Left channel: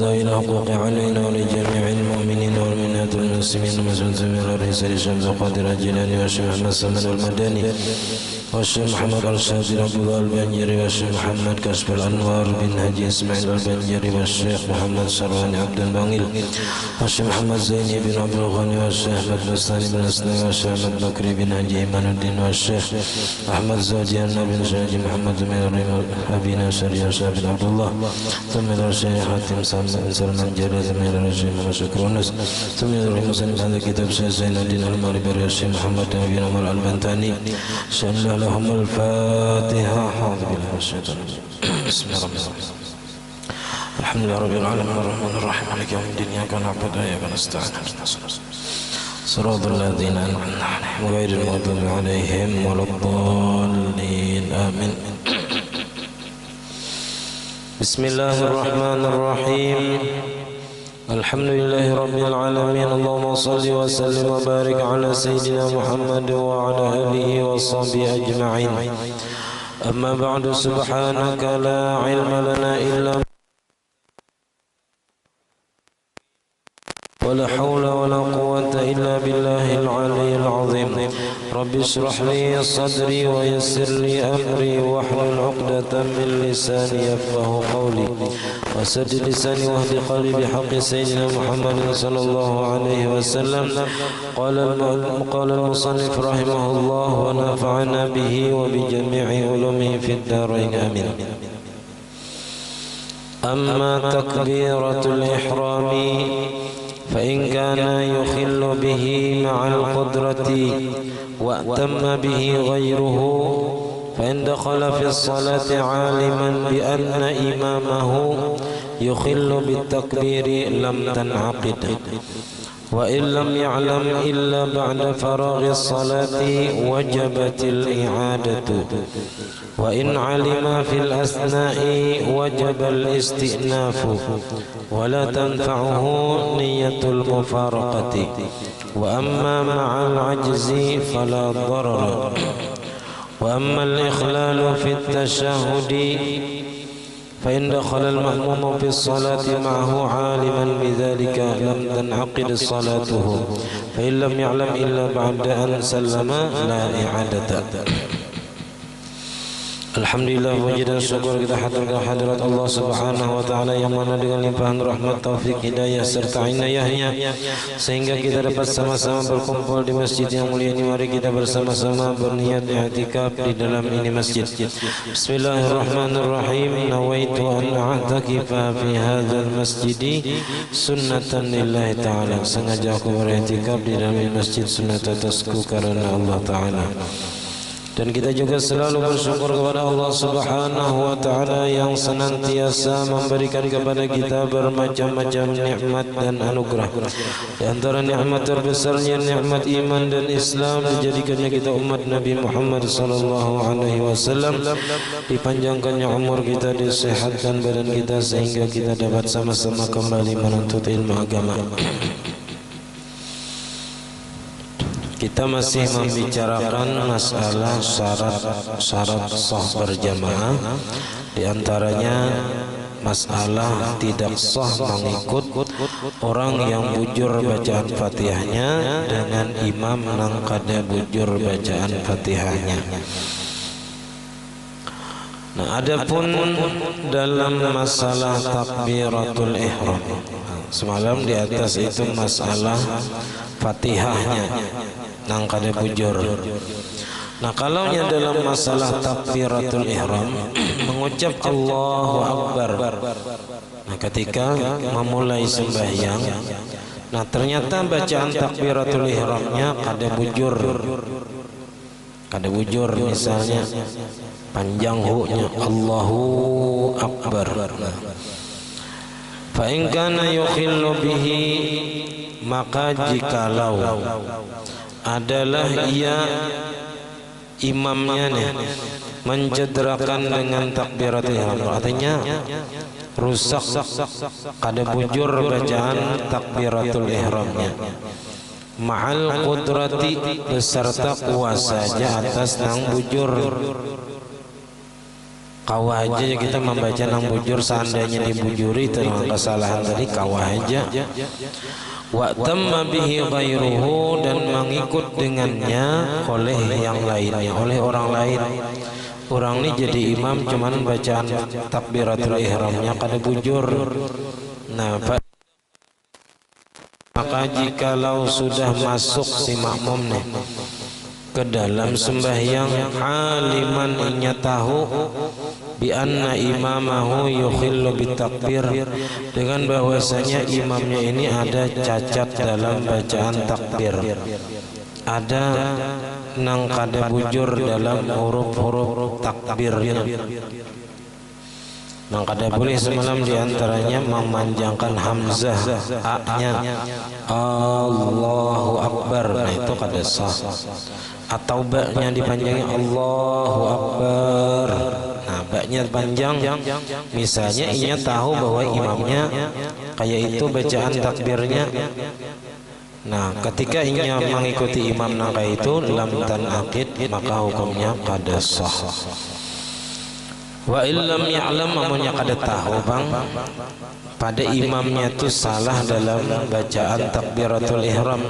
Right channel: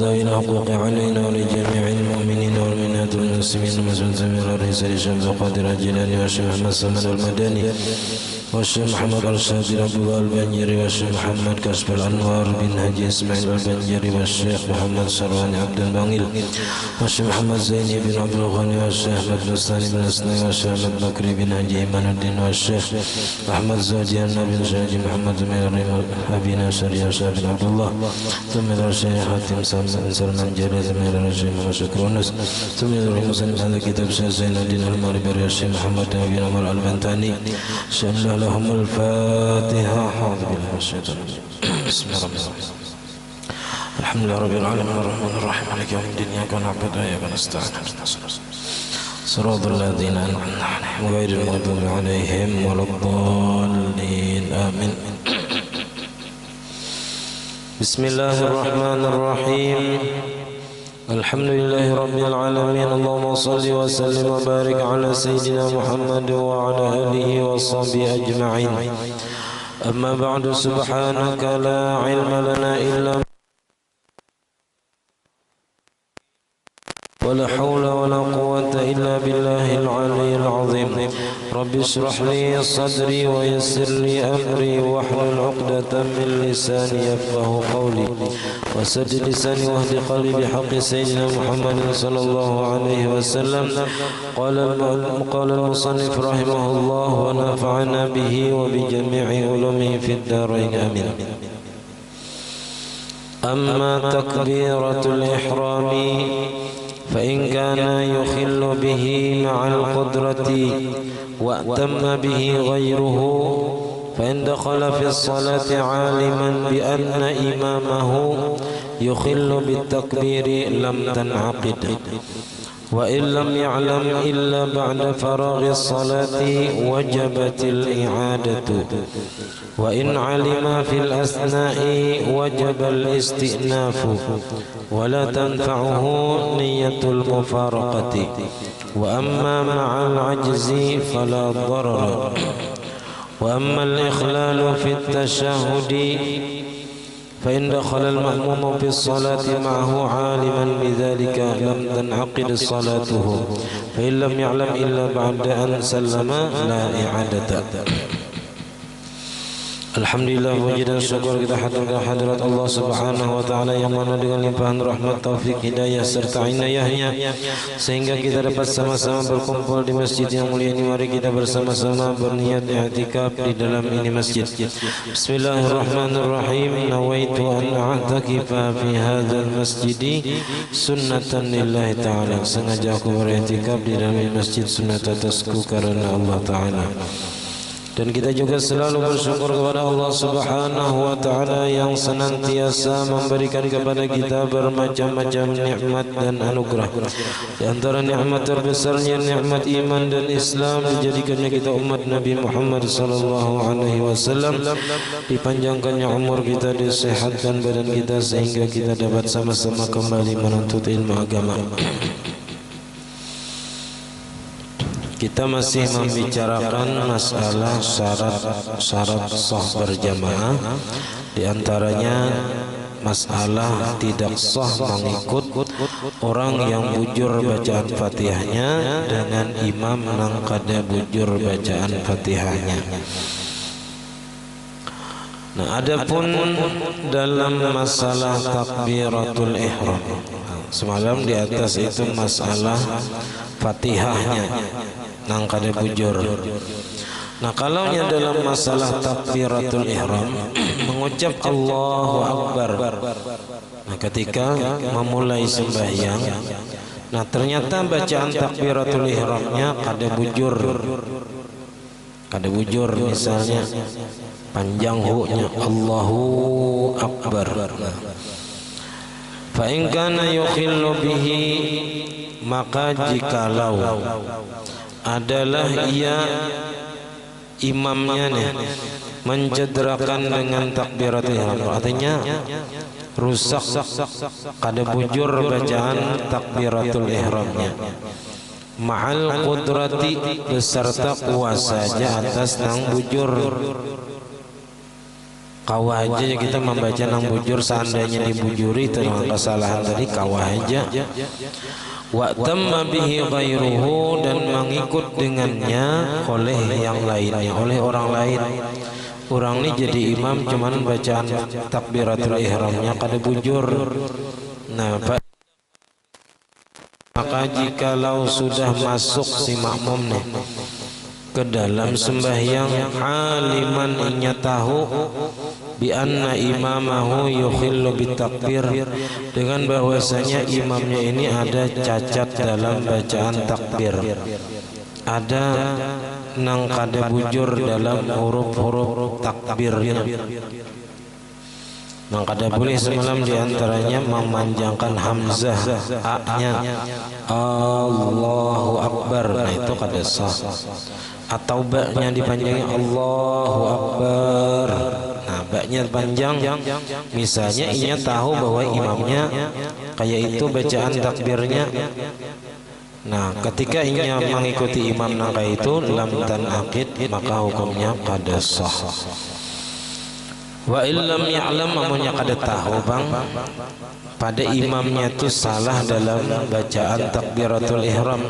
ذوي الحقوق علينا ولجميع المؤمنين والمؤمنات والمسلمين والمسلمين الرئيس الشمس القادر الجيلاني والشيخ محمد سلمان المدني والشيخ محمد الشاذلي عبد الله البنجري والشيخ محمد كشف الأنوار بن هدي إسماعيل البنجري والشيخ محمد سرواني عبد البنيل والشيخ محمد زيني بن عبد الغني والشيخ أحمد بستاني بن أسنان والشيخ أحمد بكري بن هدي إيمان الدين والشيخ أحمد زوجيان بن شاجي محمد من أبينا شريع بن عبد الله ثم الشيخ حاتم سلمان جلال من الشيخ مشكرونس ثم المسلم هذا كتاب شيخ زين الدين المالبري الشيخ محمد بن عمر البنتاني شأن لهم الفاتحة. أعوذ بالله من الشيطان الرجيم. بسم الله الرحمن الرحيم. الحمد لله رب العالمين الرحمن الرحيم مالك يوم الدين إياك نعبد وإياك نستعين صراط الذين أنعمت عليهم غير المغضوب عليهم ولا الضالين آمين. بسم الله الرحمن الرحيم. الحمد لله رب العالمين اللهم صل وسلم وبارك على سيدنا محمد وعلى آله وصحبه أجمعين. أما بعد سبحانك لا علم لنا إلا ولا حول ولا قوة إلا بالله العلي العظيم. رب اشرح لي صدري ويسر لي أمري واحلل عقدة من لساني يفقه قولي وسدد لساني واهد قلبي بحق سيدنا محمد صلى الله عليه وسلم. قال المصنف رحمه الله ونفعنا به وبجميع علومه في الدارين آمين. أما تكبيرة الإحرام فإن كان يخل به مع القدرة وأتم به غيره فإن دخل في الصلاة عالما بأن إمامه يخل بالتكبير لم تنعقد وإن لم يعلم إلا بعد فراغ الصلاة وجبت الإعادة وإن علم في الأثناء وجب الاستئناف ولا تنفعه نية المفارقة وأما مع العجز فلا ضرر. وأما الإخلال في التشهد فإن دخل المأموم في الصلاة معه عالما بذلك لم تنعقد صلاته فإن لم يعلم إلا بعد أن سلم لا إعادة. Alhamdulillah puji dan syukur kita haturkan hadirat Allah Subhanahu wa taala yang mana dengan limpahan rahmat, taufik, hidayah serta inayahnya sehingga kita dapat sama-sama berkumpul di masjid yang mulia ini. Mari kita bersama-sama berniat i'tikaf di dalam ini masjid. Bismillahirrahmanirrahim. Nawaitu an a'takifa fi hadzal masjid sunnatan lillahi taala. Sengaja aku beriktikaf di dalam masjid sunat atasku karena Allah taala. Dan kita juga selalu bersyukur kepada Allah Subhanahu wa taala yang senantiasa memberikan kepada kita bermacam-macam nikmat dan anugerah. Di antara nikmat terbesarnya nikmat iman dan Islam, dijadikannya kita umat Nabi Muhammad sallallahu alaihi wasallam, dipanjangkannya umur kita, disehatkan badan kita sehingga kita dapat sama-sama kembali menuntut ilmu agama. Kita masih membicarakan masalah syarat sah berjamaah. Di antaranya masalah tidak sah mengikut orang yang bujur bacaan Fatihahnya dengan imam nang kada bujur bacaan Fatihahnya. Nah, adapun dalam masalah takbiratul ihram, semalam di atas itu masalah Fatihahnya nang kada bujur. Nah, kalaunya dalam masalah takbiratul ihram mengucap Allahu Akbar. Nah, ketika memulai sembahyang, nah ternyata bacaan takbiratul ihramnya kada bujur. Kada bujur, misalnya panjang hu-nya Allahu Akbar. Fa in kana yukhillu bihi, maka jikalau adalah ia imamnya nih mencederakan dengan takbiratul ihram, artinya rusak, kada bujur bacaan takbiratul ihramnya, ma'al qudrati beserta kuasanya atas nang bujur. Kawah aja kita membaca nang bujur, seandainya dibujuri itu dengan kesalahan tadi kawah aja. Wa tamma bihi ghairuhu, dan mengikut dengannya oleh yang lainnya, oleh orang lain. Orang ini jadi imam cuman bacaan takbiratul ihramnya kada bujur. Nah, maka jikalau sudah masuk si makmum nih ke dalam sembahyang, aliman inya tahu bi anna imamahu yukhillu bitakbir, dengan bahwasanya imamnya ini ada cacat dalam bacaan takbir, ada nang kada bujur dalam huruf-huruf takbirnya. Nang kada boleh semalam diantaranya memanjangkan hamzah a-nya, Allahu Akbar, nah itu kada sah. Atau ba-nya dipanjangin Allahu Akbar, nah ba-nya panjang. Misalnya inya tahu bahwa imamnya kayak itu bacaan takbirnya. Nah, ketika inya mengikuti imam nang kayak itu lam tanaqid, maka hukumnya kada sah. Wa illam ya'lam, amunnya kada tahu bang pada imamnya itu salah dalam bacaan takbiratul ihram.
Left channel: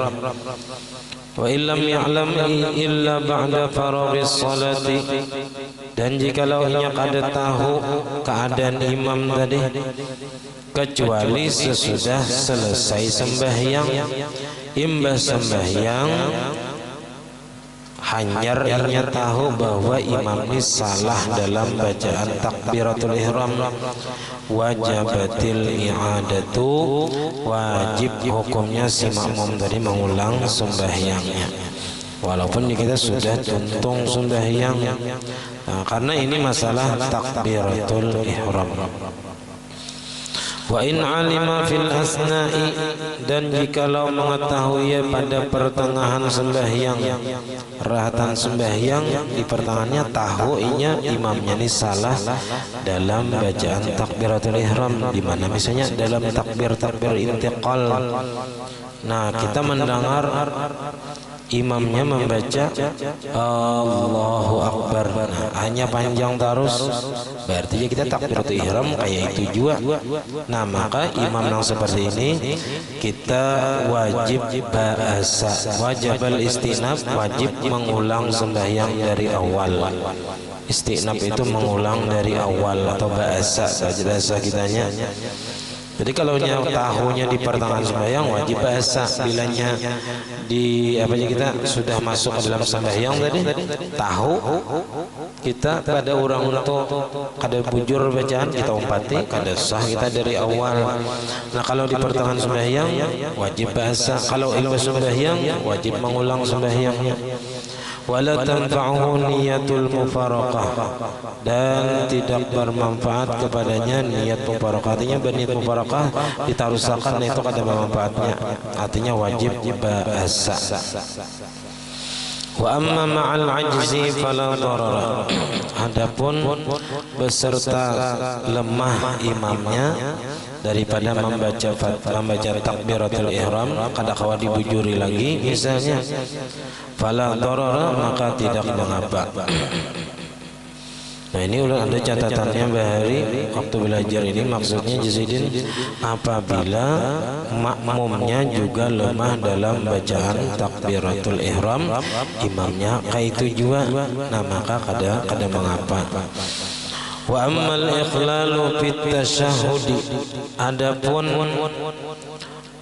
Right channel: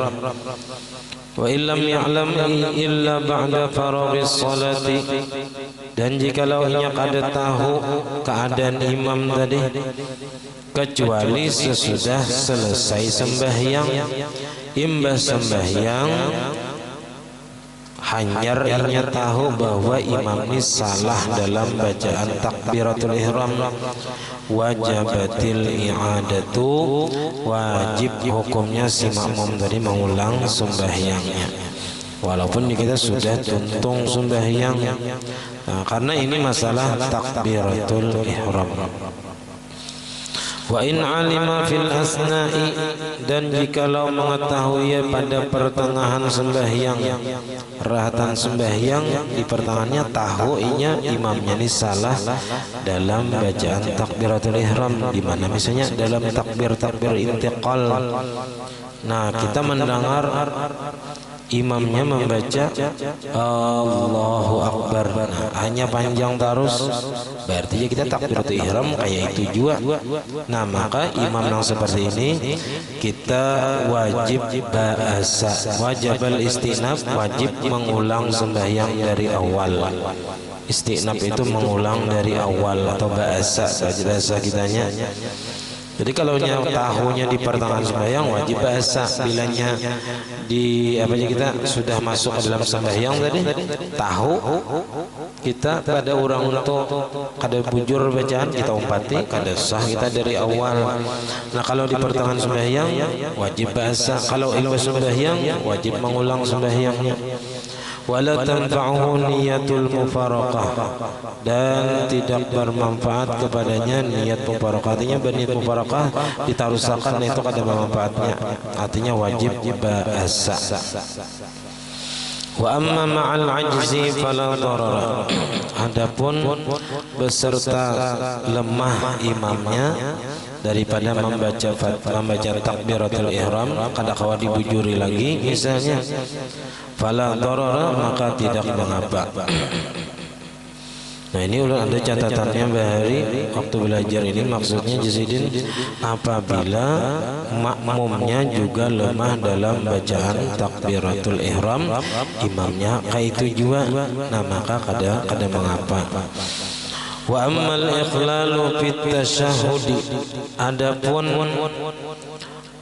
Wa illam ya'lam illa ba'da faraghis salati, dan jikalau inya kada tahu keadaan imam tadi kecuali sesudah selesai sembahyang, imbas sembahyang hanyar inya tahu bahwa imam ini salah dalam bacaan takbiratul ihram, wajibatil i'adatu, wajib hukumnya si makmum tadi mengulang sembahyangnya walaupun kita sudah tuntung sembahyang. Nah, karena ini masalah takbiratul ihram. Wa in alima fil asna'i, dan jikalau mengetahui pada pertengahan sembahyang, rahatan sembahyang di pertengahannya tahu inya imamnya ini salah dalam bacaan takbiratul ihram, di mana misalnya dalam takbir intiqal. Nah, kita mendengar imamnya membaca Allahu Akbar, nah, hanya panjang terus, berarti kita takbiratul ihram kayak itu juga. Nah, maka imam yang seperti ini kita wajib bahasa, wajibal istinab, wajib mengulang sembahyang dari awal. Istinab itu mengulang dari awal atau bahasa kitanya. Jadi kalau tahunya di pertengahan sembahyang wajib bahasa, bilanya di kita sudah masuk ke dalam sembahyang tadi tahu kita pada orang itu kada bujur bacaan kita umpati, kada sah kita dari awal. Nah, kalau di pertengahan sembahyang wajib bahasa, kalau imbas sembahyang wajib mengulang sembahyangnya. Wala tanfa'uhu niyatul mufaraqah, dan tidak bermanfaat kepadanya niat mufaraqah. Artinya berniat mufaraqah ditarusakan itu kada bermanfaatnya, artinya wajib bahasa. Wa amma ma'al ajzi fala darara, adapun beserta lemah imamnya daripada membaca takbiratul ihram kada kawa dibujuri lagi misalnya, fala darara, maka tidak mengapa. Nah, ini udah ada catatannya Bahari waktu belajar ini, maksudnya Jazidin apabila makmumnya juga lemah dalam bacaan takbiratul ihram, imamnya kayak itu juga, nah maka kada mengapa. Wa ammal ikhlalu fit tasyahudi, adapun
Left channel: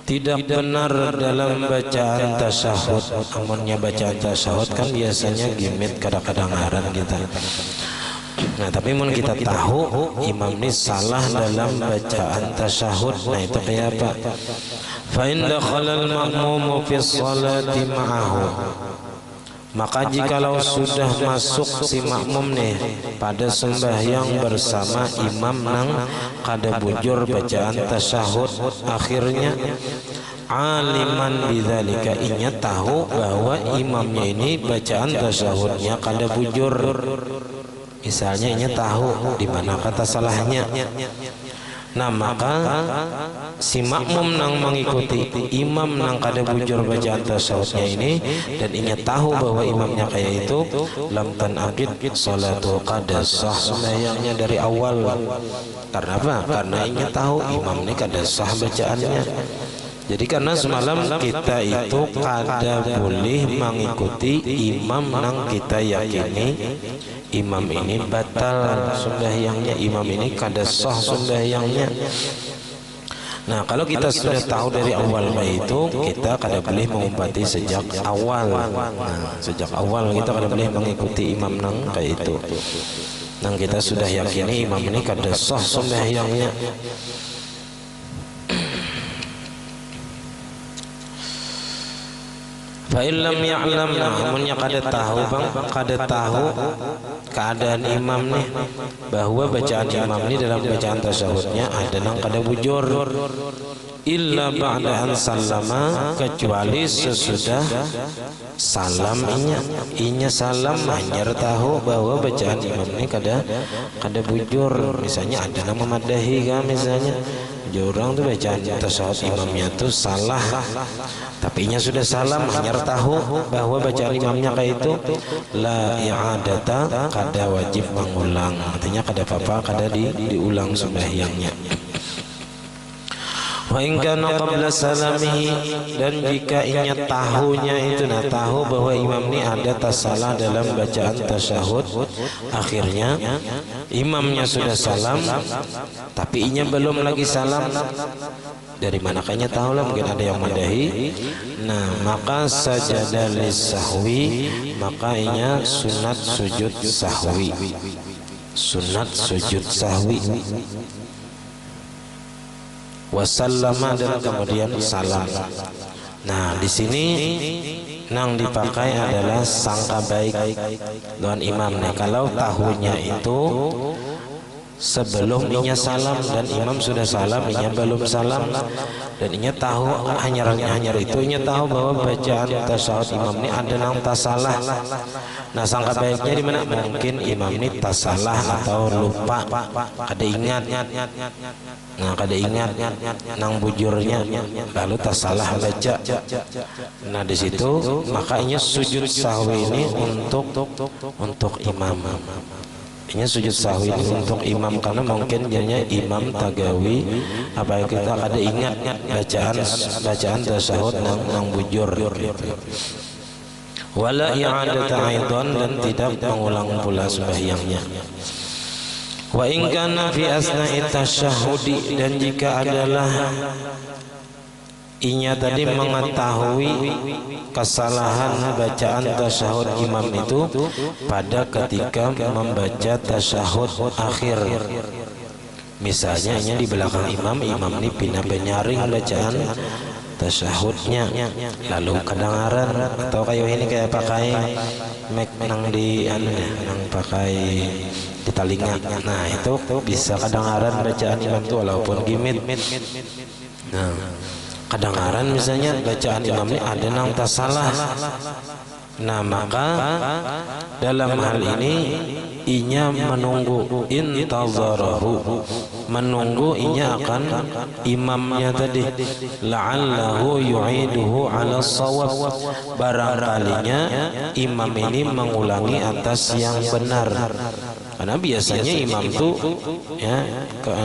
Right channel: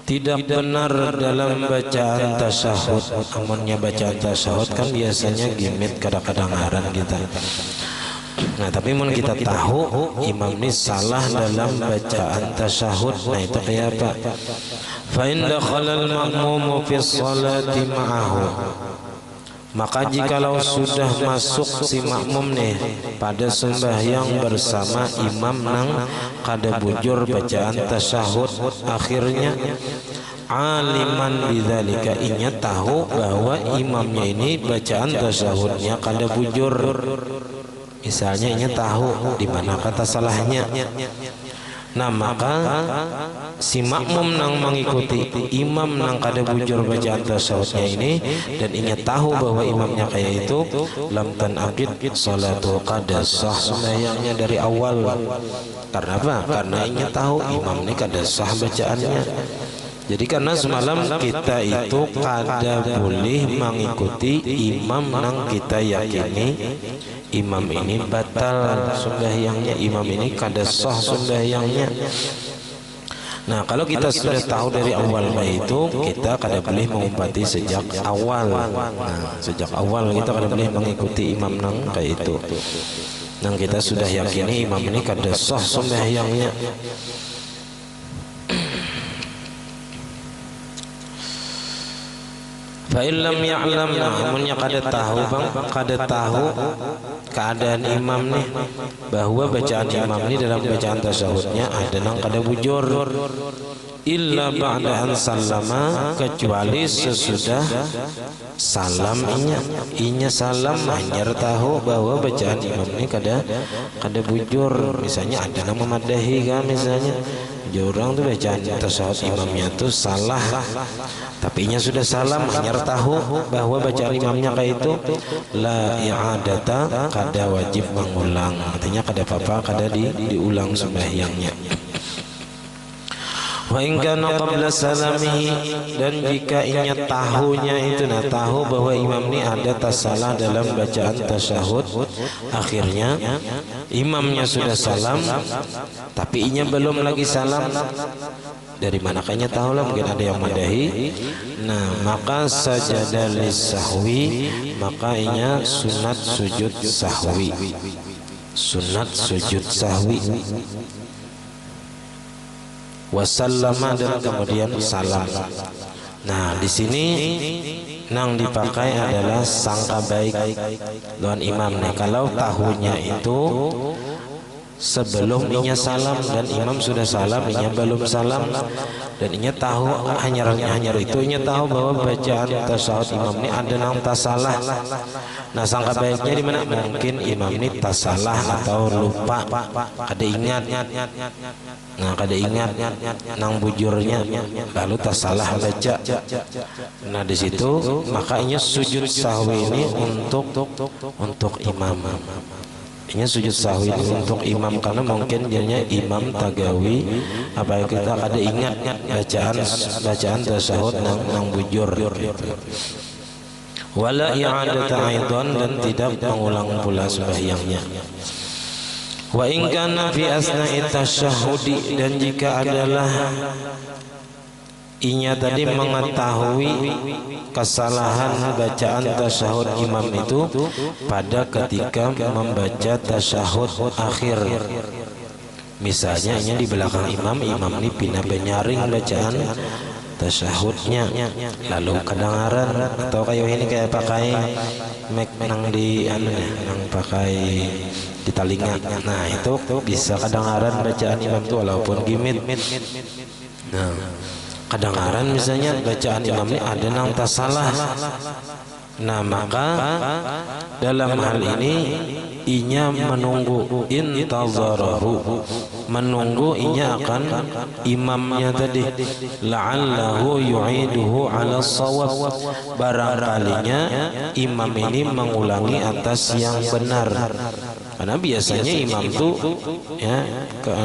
tidak benar dalam bacaan tasyahud. Amunnya bacaan tasyahud kan biasanya gimit kadang-kadang ngaran kita. Nah, tapi mun kita tahu imam ini salah dalam bacaan tasyahud, nah itu kayak apa? Fa in dakhala al-ma'mumu fi sholati ma'ahu, maka jikalau sudah masuk si makmum nih pada sembahyang bersama imam nang kada bujur bacaan tasyahud akhirnya, aliman bidzalika, inya tahu bahwa imamnya ini bacaan tasyahudnya kada bujur. Misalnya inya tahu di mana kata salahnya. Nah maka si makmum nang mengikuti imam nang kada bujur bacaan tasyahudnya ini dan ingat tahu bahwa imamnya kayak itu, lam tanaqid salatu, kada sah sembahyangnya dari awal. Karena apa? Karena ingat tahu imam ini kada sah bacaannya. Jadi karena semalam kita itu kada boleh mengikuti imam nang kita yakini imam ini batal sembahyangnya, imam ini kada sah sembahyangnya. Nah kalau kita sudah tahu dari awal itu, kita kada boleh mengumpati sejak awal. Nah sejak awal kita kada boleh mengikuti imam nang kayak itu. Nang kita sudah yakini imam ini kada sah sembahyangnya. Fa'ilam ya'lam, namunnya kada tahu bang, kada tahu keadaan imam nih, bahwa bacaan imam ini dalam bacaan tasyahudnya ada nang kada bujur, illa ba'da an sallama, kecuali sesudah salam inya salam hanya tahu bahwa bacaan imam ini kada bujur. Misalnya ada nang memadahi kan, misalnya orang tuh bacaan tasyahud imamnya tuh salah, tapi inya sudah salam hanya tahu bahwa bacaan imamnya kayak itu, la i'adata, kada wajib mengulang. Artinya kada apa-apa, kada diulang sembahyangnya. Wa in kana qabla salamihi, dan jika inya tahunya itu, nah tahu bahwa imam ini ada tasalah dalam bacaan tasyahud akhirnya, imamnya sudah salam tapi inya belum lagi salam, dari mana kayaknya tahu lah, mungkin ada yang madahi. Nah maka sajadah lisahwi, maka inya sunat sujud sahwi, sunat sujud sahwi, wasallama, dan kemudian salam. Nah di sini nang dipakai adalah sangka baik lawan imam nih. Kalau tahunya itu sebelum inya salam dan imam sudah salam, inya belum salam, dan inya tahu hanya itu inya tahu bahwa bacaan tasyahud imam ini ada nang tasalah. Nah sangka baiknya di mana? Mungkin imam ini tasalah atau lupa, kada ingat. Nah kada ingat nang bujurnya, lalu tasalah baca. Nah di situ maka inya sujud sahwi ini untuk imam. Ini sujud sahwi untuk imam, karena mungkin jadinya imam tagawi apa yang kita kada ingat bacaan tasyahud nang bujur. Wala i'adata aidan, dan tidak mengulang pula sembahyangnya. Wa in kana fi asna'i tasyahudi, dan jika adalah inya tadi mengetahui kesalahan bacaan tasyahud imam itu pada ketika membaca tasyahud akhir. Misalnya inya di belakang imam ini pindah penyaring bacaan tasyahudnya, lalu kedengaran, atau kayak ini kayak pakai mic nang di nang pakai di telinga. Nah itu bisa kedengaran bacaan imam itu walaupun gimit. Nah kedengaran misalnya bacaan imam ini ada nang tasalah. Nah maka dalam hal ini inya menunggu, intazarahu, menunggu inya akan imamnya tadi, la'allahu yu'iduhu ala shawab, barangkalinya imam ini mengulangi atas yang benar. Karena biasanya imam itu ya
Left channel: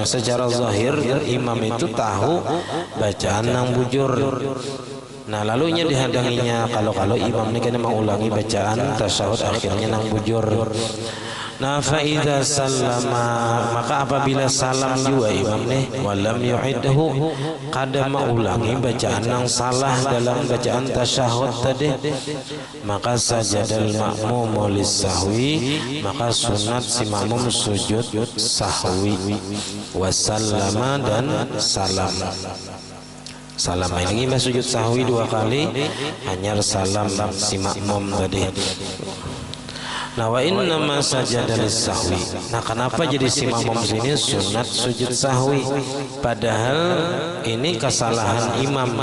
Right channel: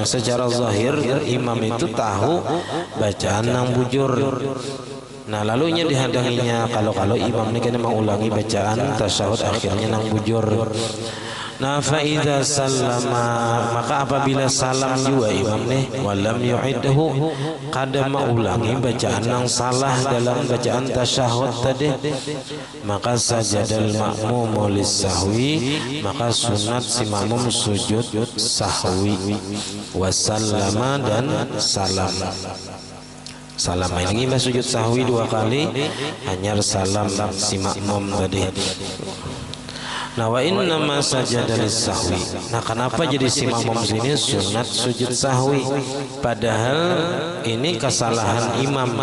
secara zahir imam itu tahu bacaan nang bujur. Nah lalu nya dihadanginya kalau imam ini kan mengulangi bacaan tasyahud akhirnya nang bujur. Nah faida sallama, maka apabila salam juga imam nih, walam yu'idhu, kada mengulangi bacaan nang salah dalam bacaan tasyahud tadi, maka sajadal makmum lis-sahwi, maka sunat si makmum sujud sahwi, wasallama, dan salam. Salam ini sujud sahwi 2 kali, hanya salam si makmum tadi. Nah wa inna ma sajada lis-sahwi. Nah kenapa jadi si makmum sini sunat sujud sahwi, padahal ini kesalahan imam.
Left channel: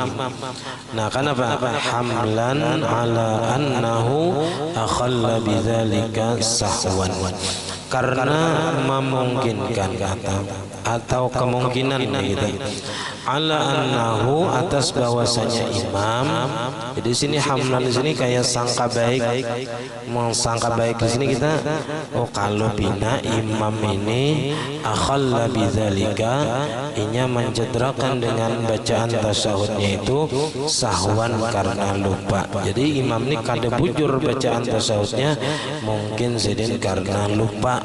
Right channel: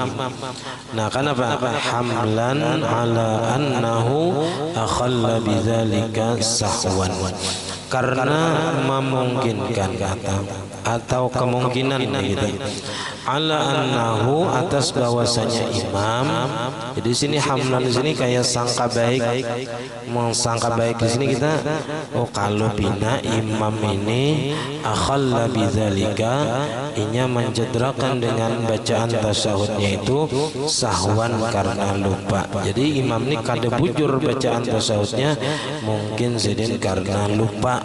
Nah kenapa? Hamlan ala annahu akhalla bidzalika sahwan. karena memungkinkan atau kemungkinan gitu. Ala annahu, atas bahwasanya imam. Jadi sini hamlan di sini kayak sangka baik, mengsangka baik di sini kita. Oh kalau bina imam ini akhalla bidzalika, inya mencederakan dengan bacaan tasyahudnya itu sahwan karena lupa. Jadi imam ini kada bujur bacaan tasyahudnya mungkin sedin karena lupa.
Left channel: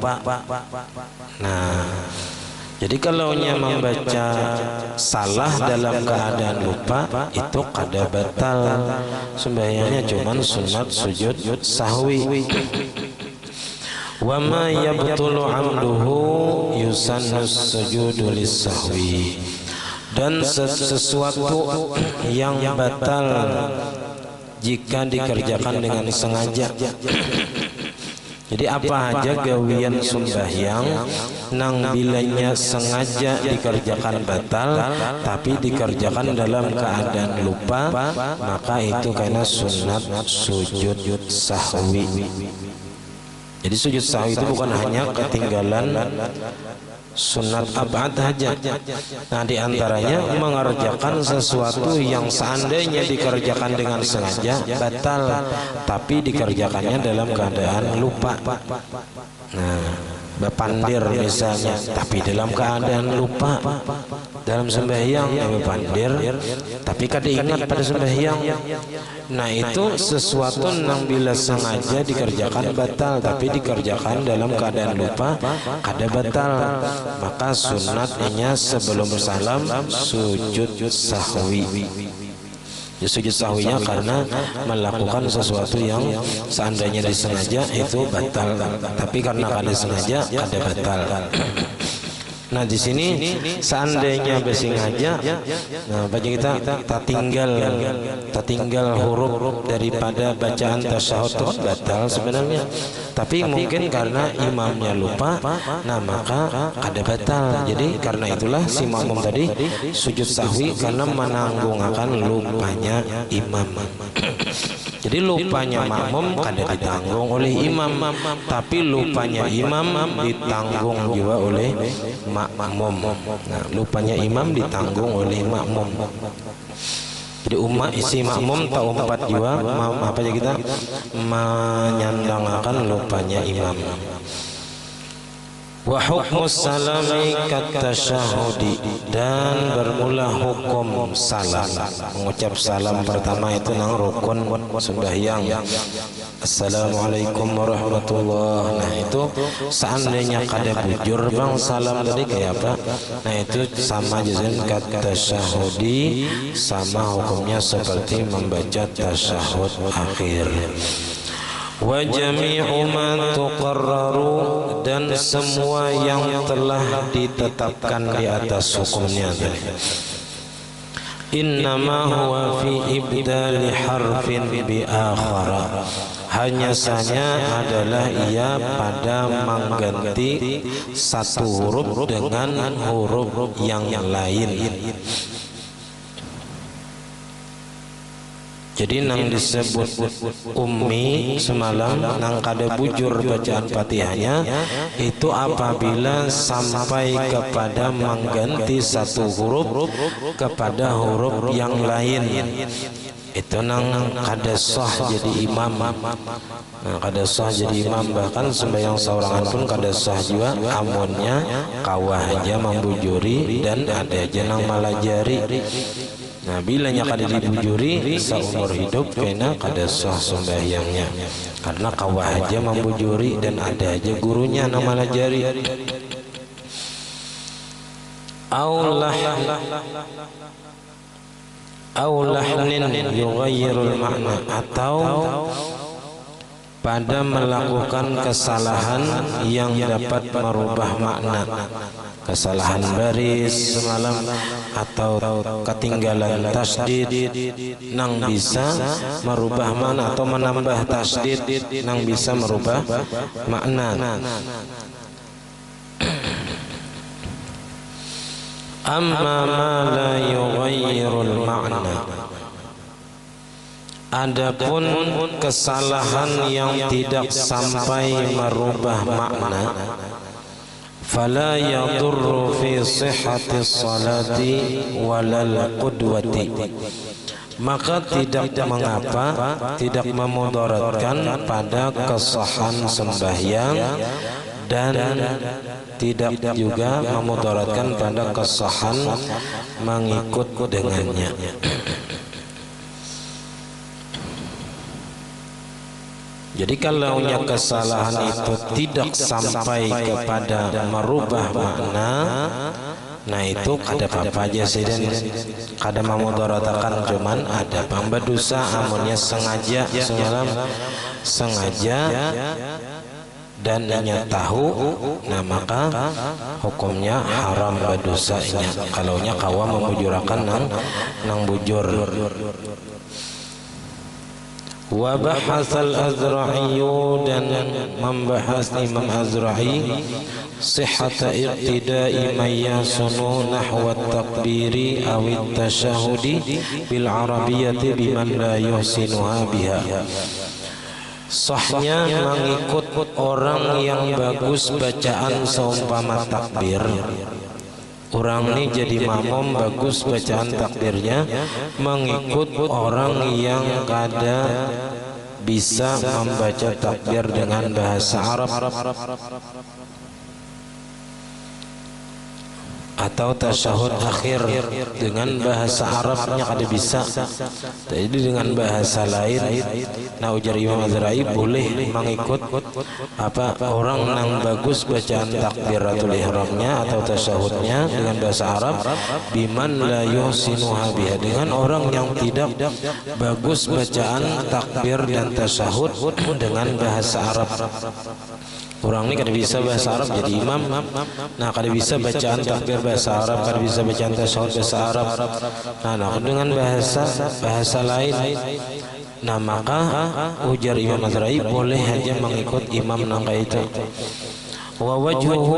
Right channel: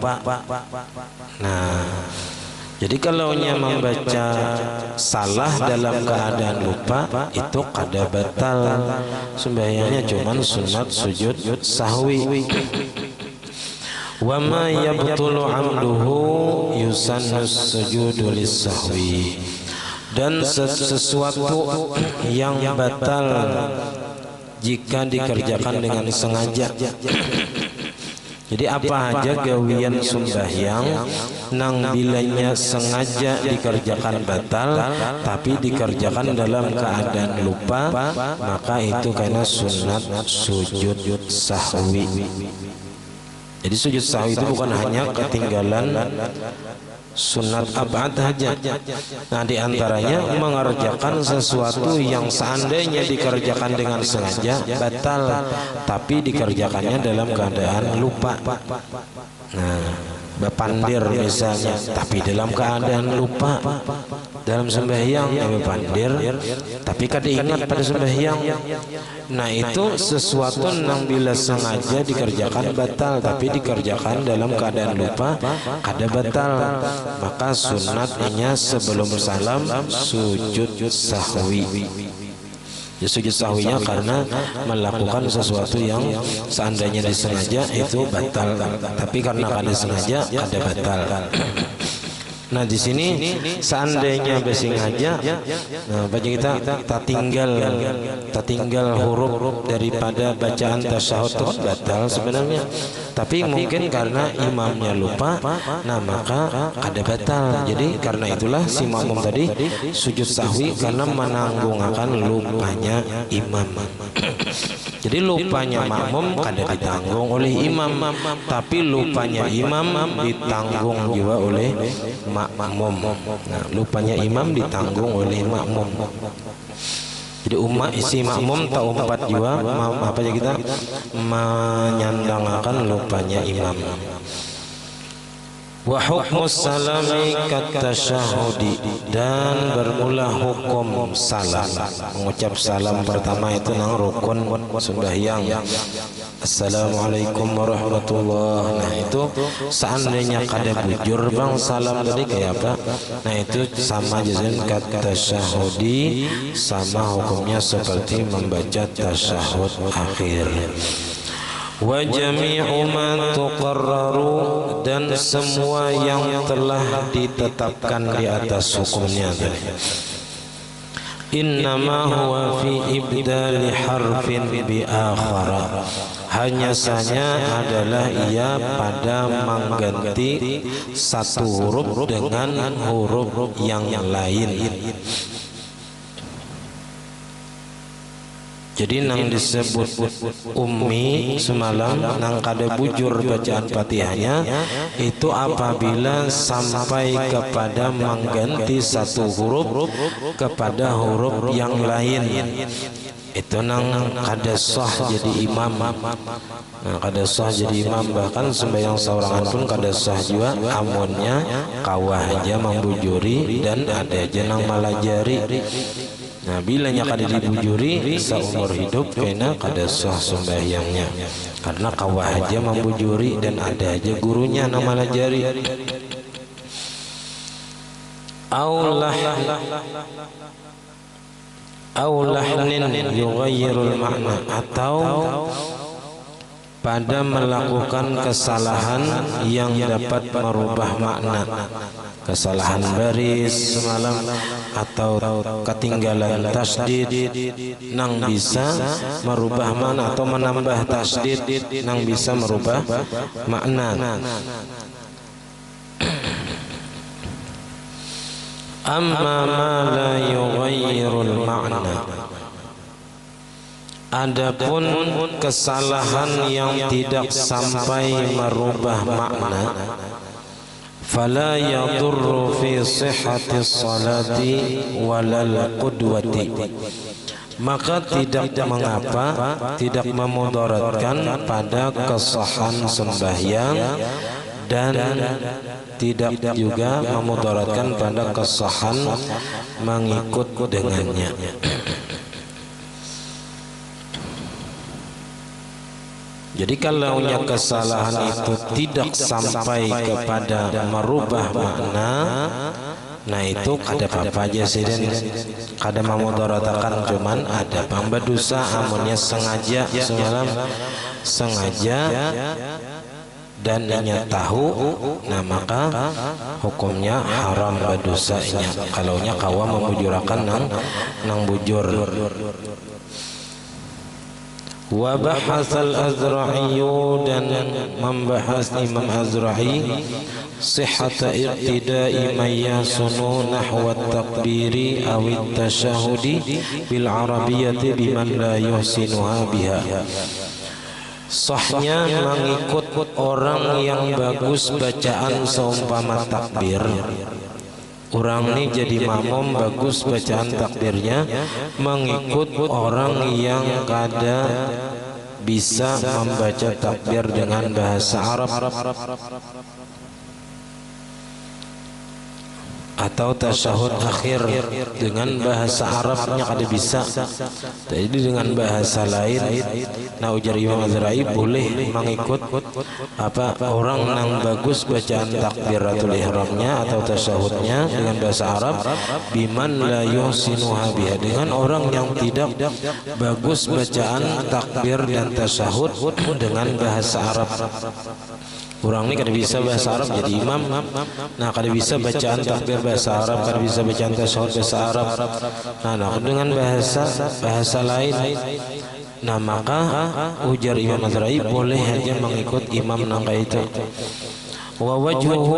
Nah, jadi kalau nya membaca salah dalam keadaan lupa itu kada batal sembahyangnya, cuman sunat sujud sahwi. Wa ma yabtulu amduhu yusannus sujudu lis-sahwi, dan sesuatu yang batal jika dikerjakan dengan sengaja. Jadi apa aja gawian sembahyang nang bilanya sengaja dikerjakan batal tapi dikerjakan dalam keadaan lupa, maka itu karena sunat sujud sahwi. Jadi sujud sahwi itu bukan hanya ketinggalan sunat abad saja. Nah, diantaranya mengerjakan sesuatu yang seandainya dikerjakan dengan sengaja batal, tapi dikerjakannya dalam keadaan lupa. Nah, bepandir misalnya, tapi dalam keadaan lupa dalam sembahyang, bepandir, tapi kada ingat pada sembahyang. Nah, itu sesuatu yang bila sengaja dikerjakan batal, tapi dikerjakan dalam keadaan lupa kada batal. Maka sunatnya sebelum salam sujud sahwi. Ya, sujud sahwinya karena melakukan sesuatu yang seandainya disengaja itu batal, tapi karena kada sengaja kada batal. Nah, di sini seandainya bersengaja, nah baca kita tertinggal huruf daripada bacaan tasyahud itu batal sebenarnya, tapi mungkin karena imamnya lupa, nah maka kada batal. Jadi karena itulah si makmum tadi sujud sahwi karena menanggungakan lupanya imam. Jadi lupanya makmum kada ditanggung oleh imam, tapi lupanya imam ditanggung juga oleh makmum. Nah, lupanya imam ditanggung oleh makmum. Jadi umat isi makmum tak umpat juga apa aja kita menyandangkan lupanya imam. Wa hukmus salami katasyahudi, dan bermula hukum salam, mengucap salam pertama itu nang rukun sembahyang. Assalamualaikum warahmatullahi. Nah, itu seandainya kada bujur bang salam tadi kayak apa? Nah, itu sama jazan katasyahudi, sama hukumnya seperti membaca tasyahud akhir. Wa jami'u ma tuqarraru, dan semua yang telah ditetapkan di atas hukumnya tadi. Innama huwa fi ibdali harfin bi akhara, hanya saja adalah ia pada mengganti satu huruf dengan huruf yang lain. Jadi nang disebut ummi semalam nang kada bujur bacaan Fatihahnya itu apabila sampai kepada mengganti satu huruf kepada huruf yang lain. Itu nang kada sah jadi imam. Nah, kada sah jadi imam, bahkan sembahyang seorangan pun kada sah juga amunnya kawah aja membujuri dan ada aja nang malajari. Nah, bilanya kada dibujuri seumur hidup kena kada sah sembahyangnya, karena kawah aja membujuri dan ada aja gurunya nang malajari. Aulahnin yughayyirul makna, atau pada melakukan kesalahan yang dapat merubah makna, kesalahan baris semalam atau ketinggalan tasdid nang bisa merubah makna, atau menambah tasdid nang bisa merubah makna. Amma ma la yughayyirul makna, Adapun kesalahan yang tidak sampai merubah makna, fala yadurru fi sihhati salati walal qudwati, maka tidak mengapa, tidak memudaratkan pada kesahan sembahyang dan tidak juga memudaratkan pada kesahan mengikut dengannya. Jadi kalau kesalahan itu tidak sampai kepada merubah makna, nah itu kada apa aja sih, dan kada memudaratakan, cuman ada pamba dosa amunnya sengaja semalam sengaja dan inya tahu, nah maka hukumnya haram berdosanya. Kalaunya kawa memujurakan nang bujur. Wa bahasal Azra'i, dan membahas Imam Azra'i sihhata ibtida'i man yasunu nahwa takbiri awit tashahudi bil arabiyyati biman la yuhsinuha biha. Sahnya mengikut orang yang bagus bacaan seumpama takbir. Orang ini jadi makmum bagus bacaan takbirnya, mengikut orang yang kada bisa membaca takbir dengan bahasa Arab atau tasyahud akhir dengan bahasa Arabnya kada bisa, jadi dengan bahasa lain. Nah ujar Imam Azra'i boleh mengikut apa orang yang bagus bacaan takbiratul ihramnya atau tasyahudnya dengan bahasa Arab, biman la yuhsinuha biha, dengan orang yang tidak bagus bacaan takbir dan tasyahud dengan bahasa Arab. Orang ini kada bisa bahasa Arab jadi imam, nah kada bisa bacaan takbir bahasa Arab, kada bisa bacaan tasyahud bahasa Arab, nah dengan bahasa lain. Nah maka ujar Imam Azra'i boleh aja mengikut imam nangka itu. Wa wajhuhu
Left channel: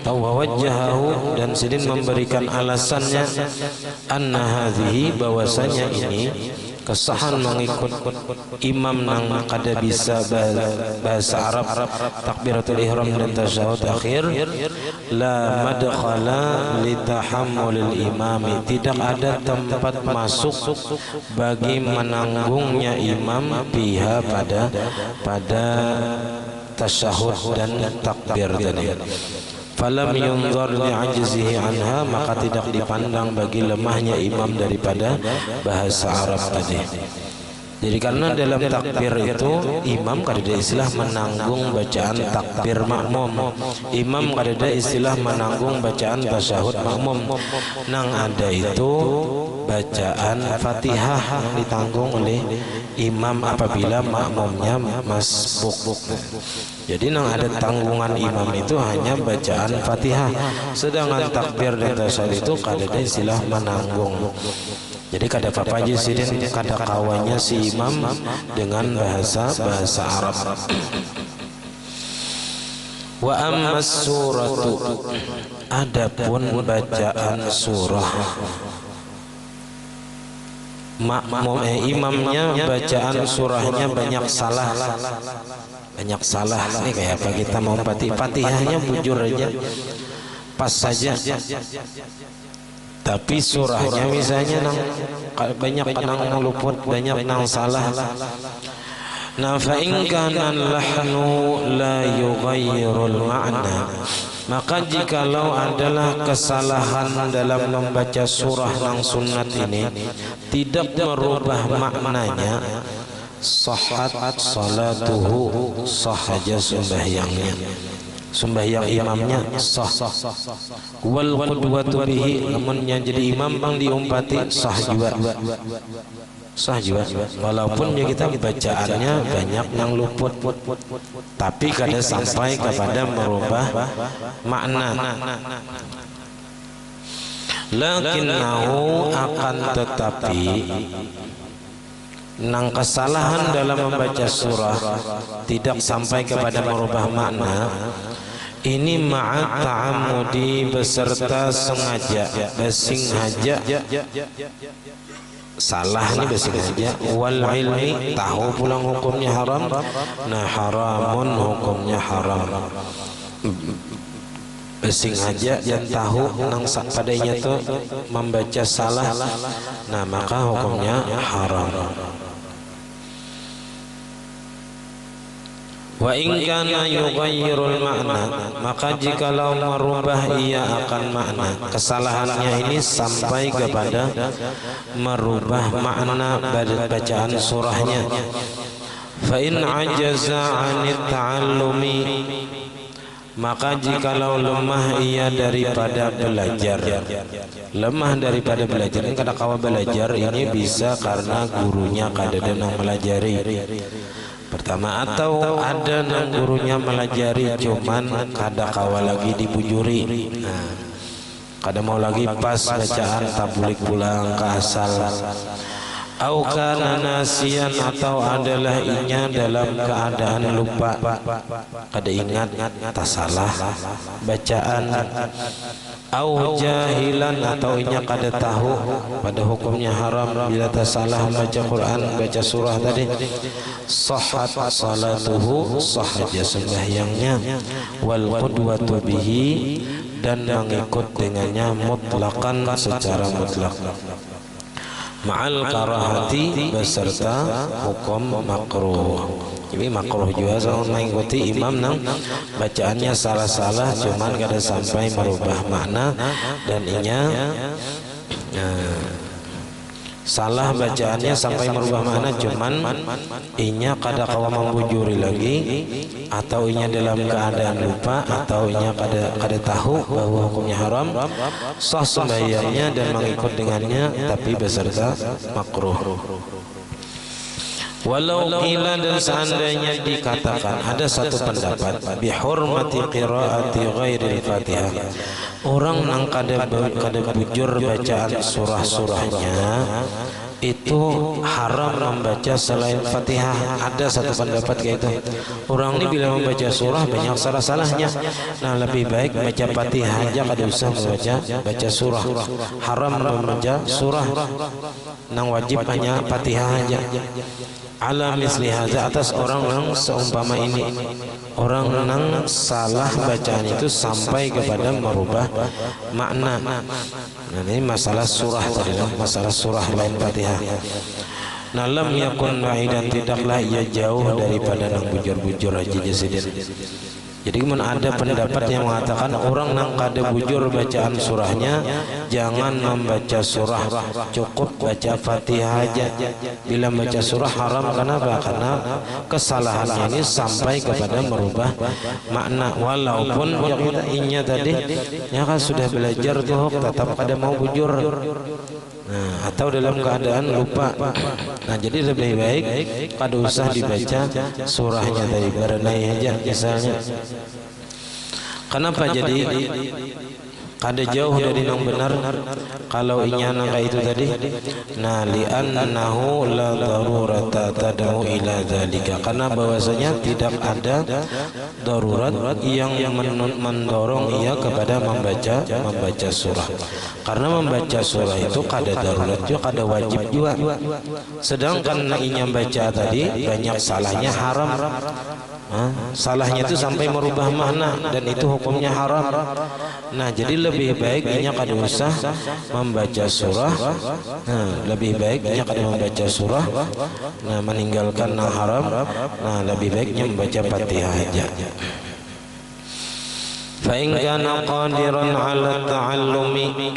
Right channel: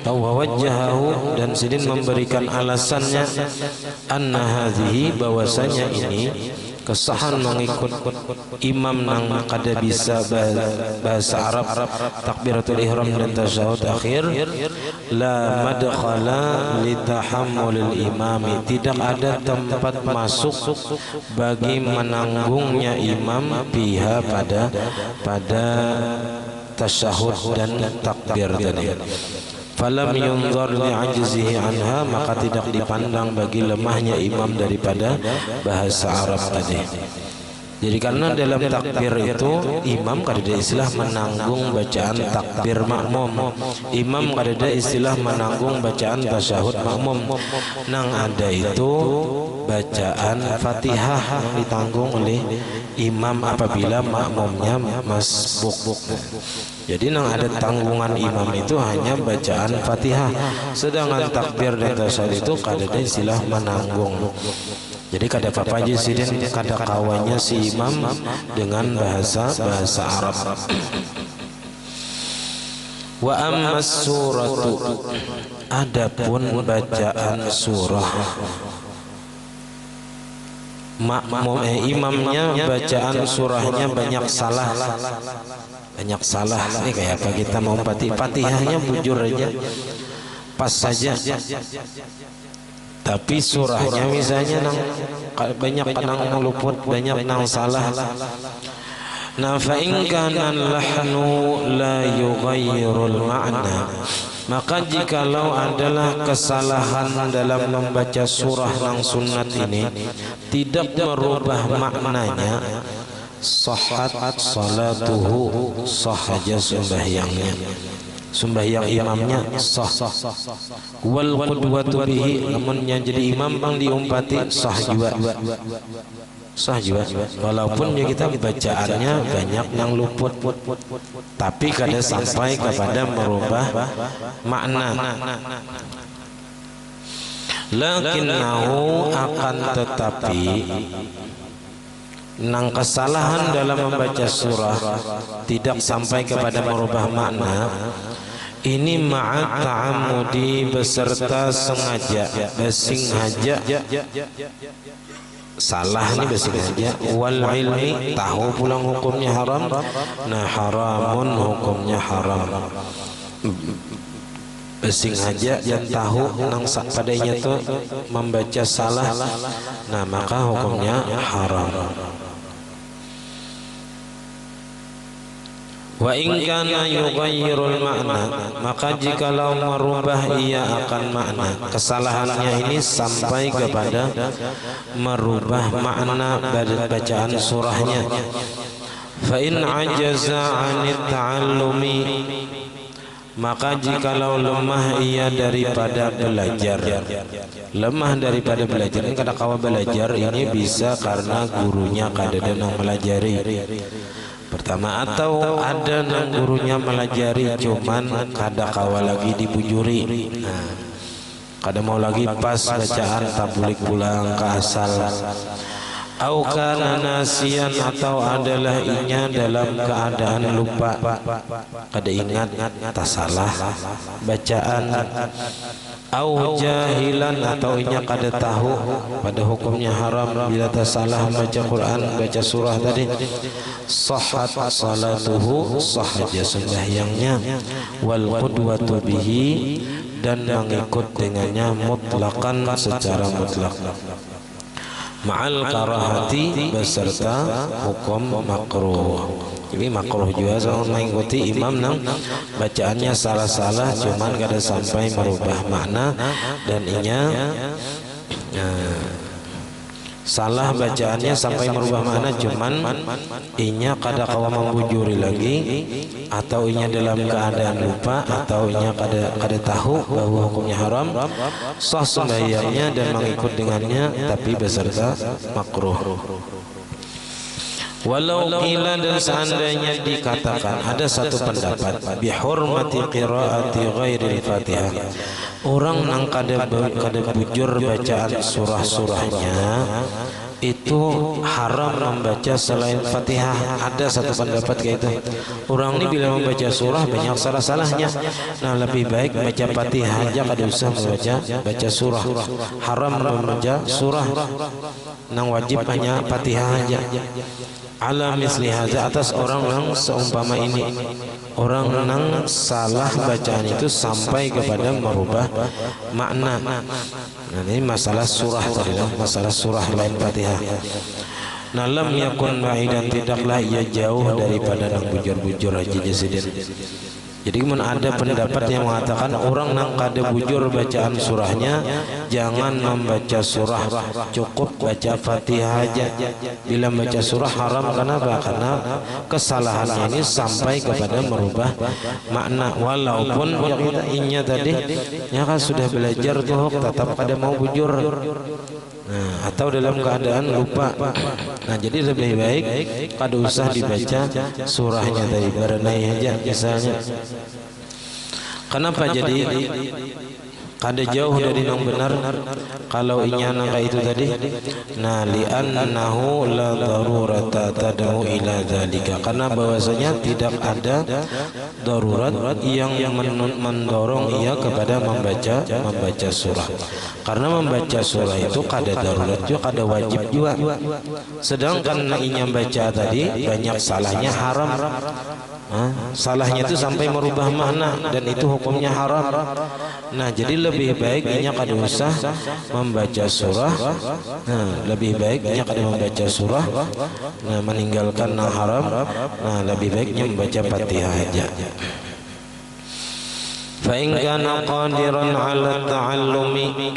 atau wa wajhahu, dan sidin memberikan alasannya, anna hadhihi, bahwasanya ini kesahan mengikut imam nang kada bisa bahasa Arab takbiratul ihram dan tasyahud akhir, la madkhala li tahammulil imami, tidak ada tempat masuk bagi menanggungnya imam biha pada tasyahud dan takbir tadi. Falam yunzar li'ajzihi anha, maka tidak dipandang bagi lemahnya imam daripada bahasa Arab tadi. Jadi karena dalam takbir itu imam kada ada istilah menanggung bacaan takbir makmum, imam kada ada istilah menanggung bacaan tasyahud makmum. Nang ada itu bacaan Fatihah yang ditanggung oleh imam apabila makmumnya masbuk. Jadi nang ada tanggungan imam itu hanya bacaan Fatihah, sedangkan takbir dan tasyahud itu kada ada istilah menanggung. Jadi kada apa-apa aja sih, dan kada kawannya si imam dengan bahasa Arab. Wa ammas suratu, adapun bacaan surah, makmum imamnya bacaan surahnya banyak salah. Ini kayak apa kita mau Fatihahnya bujur aja pas saja, tapi surahnya misalnya banyak nang luput, banyak nang salah. Nah fa in kana lahnu la yughayyirul ma'na, maka jikalau adalah kesalahan dalam membaca surah nang sunat ini tidak merubah maknanya, sahhat salatuhu, sah saja sembahyang imamnya sah. Wal qudwatu bihi, namun yang jadi imam bang diumpati sah juga, walaupun ya kita bacaannya banyak yang luput, tapi kada sampai kepada merubah makna. Lakinnahu, akan tetapi nang kesalahan dalam membaca surah tidak sampai kepada merubah makna ini, ma'at ta'amudi, beserta sengaja, salah ini basing aja. Wal ilmi tahu pulang hukumnya haram. Nah haramun hukumnya haram. Basing aja yang tahu nang padanya tuh membaca salah. Nah maka hukumnya haram. Wa in kana yughayyirul makna, maka jikalau merubah ia akan makna, kesalahannya ini sampai kepada merubah makna bacaan surahnya. Fa in ajaza 'anit ta'allumi, maka jikalau lemah ia daripada belajar. Lemah daripada belajar ini kada kawa belajar ini bisa karena gurunya kada denang melajari. Pertama, atau ada nang gurunya melajari cuman kada kawa lagi dibujuri. Nah, kada mau lagi pas bacaan tabulik pulang ke asal. Au kana nasian, atau adalah inya dalam keadaan lupa, kada ingat tak salah bacaan. Au jahilan, atau inya kada tahu pada hukumnya haram bila tak salah baca Quran, baca surah tadi. Sahhat salatuhu, sah dia sembahyangnya. Wal qudwatu bihi, dan mengikut dengannya mutlaqan secara mutlak. Ma'al karahati, beserta hukum makruh. Jadi makruh juga sama mengikuti imam nang bacaannya salah-salah cuman kada sampai merubah makna, dan inya salah bacaannya sampai merubah makna cuman inya kada kawa membujuri lagi, atau inya dalam keadaan lupa, atau inya kada tahu bahwa hukumnya haram, sah sembahyangnya dan mengikut dengannya tapi beserta makruh. Walau qila, dan seandainya dikatakan, ada satu pendapat bihurmati qiraati ghairil Fatihah, orang nang kada bujur bacaan surah-surahnya itu haram membaca selain Fatihah. Ada satu pendapat kayak itu. Orang ini bila membaca surah banyak salah-salahnya. Nah lebih baik baca Fatihah aja, kada usah baca surah. Haram membaca surah. Nang wajib hanya Fatihah aja. Ala misli hadza, atas orang-orang seumpama ini, orang nang salah bacaan itu sampai kepada merubah makna. Nah, ini masalah surah tadi, masalah surah lain Fatihah. Nah lam yakun ba'idan, tidaklah ia jauh daripada nang bujur-bujur haji jasidin. Jadi ada pendapat yang mengatakan orang nang kada bujur bacaan surahnya jangan membaca surah, cukup baca Fatihah aja. Bila baca surah haram, kenapa? Karena kesalahannya ini sampai kepada merubah makna. Walaupun kita inya tadi ya kan sudah belajar tuh tetap kada mau bujur. Nah, atau dalam keadaan lupa. Nah, jadi lebih baik kada usah dibaca surahnya tadi, berenai aja misalnya. Kenapa jadi kada jauh dari yang benar kalau inya nang itu tadi? Nah, li'annahu la darurata tad'u ila dzalika, karena bahwasanya tidak ada darurat yang mendorong ia kepada membaca surah. Karena membaca surah itu kada darurat juga, kada wajib juga. Sedangkan inya baca tadi banyak salahnya, haram. Salahnya itu sampai merubah makna, dan itu hukumnya haram. Nah, jadi lebih baik inya kada usah membaca surah. Nah, lebih baik inya kada membaca surah. Nah, meninggalkan yang haram. Nah, lebih baiknya membaca Fatihah aja. Fa in kana qadiran 'ala ta'allumi,